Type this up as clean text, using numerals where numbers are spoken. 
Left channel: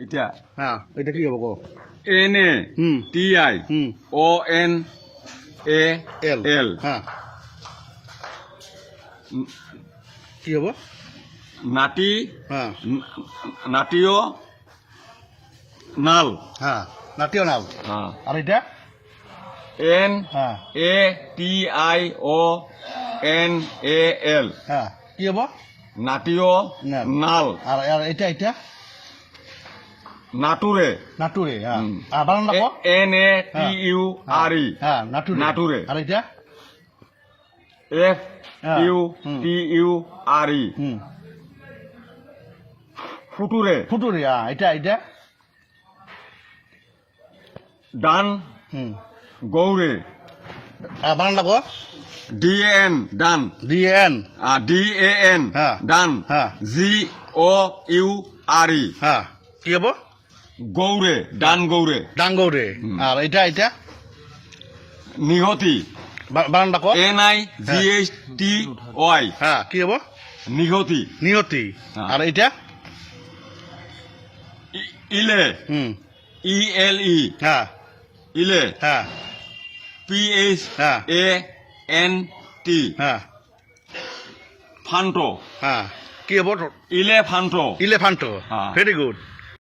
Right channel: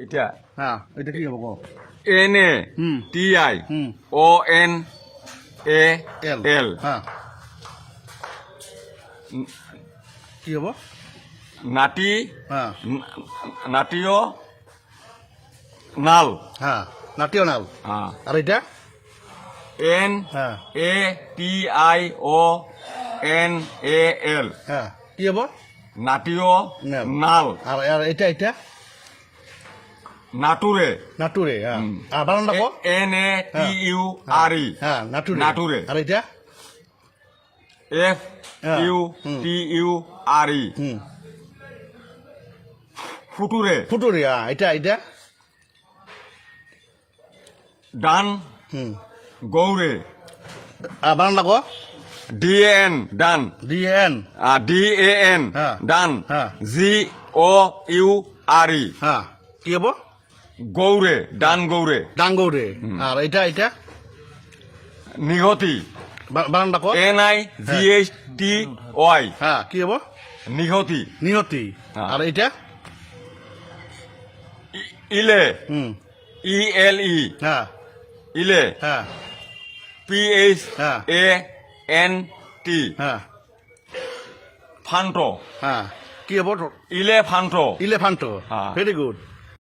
এটা হ্যাঁ এটা কি হবো NA হুম TI হুম ONAL হ্যাঁ কি হবো নাটি হ্যাঁ নাটিও নাল হ্যাঁ নাটিওনাল হ্যাঁ আর এটা হ্যাঁ NATIONAL হ্যাঁ কি হবো নাটিও নাল। নাল আর আর এটা নাটুরে নাটুরে হ্যাঁ আর বানানটা কো NATURE হ্যাঁ নাটুরে নাটুরে আর এটা FUTURE হুম ফুটুরে ফুটুরে হ্যাঁ এটা ডান হুম গৌরে আর বানানটা কো DAN ডান DN DAN হ্যাঁ। ডান হ্যাঁ। GOURE হ্যাঁ কি হবো গৌরে ডান গৌরে ডাঙ্গৌরে আর এটা নিহতি বানানটা কো NIGHTY হ্যাঁ কি হবো নিহতি নিয়তি হ্যাঁ। আর এটা ইলে হুম ELE হ্যাঁ ইলে হ্যাঁ PHANT হ্যাঁ ফান্টো হ্যাঁ কি হবো ইলেফান্টো ইলেফান্টো হ্যাঁ। Very good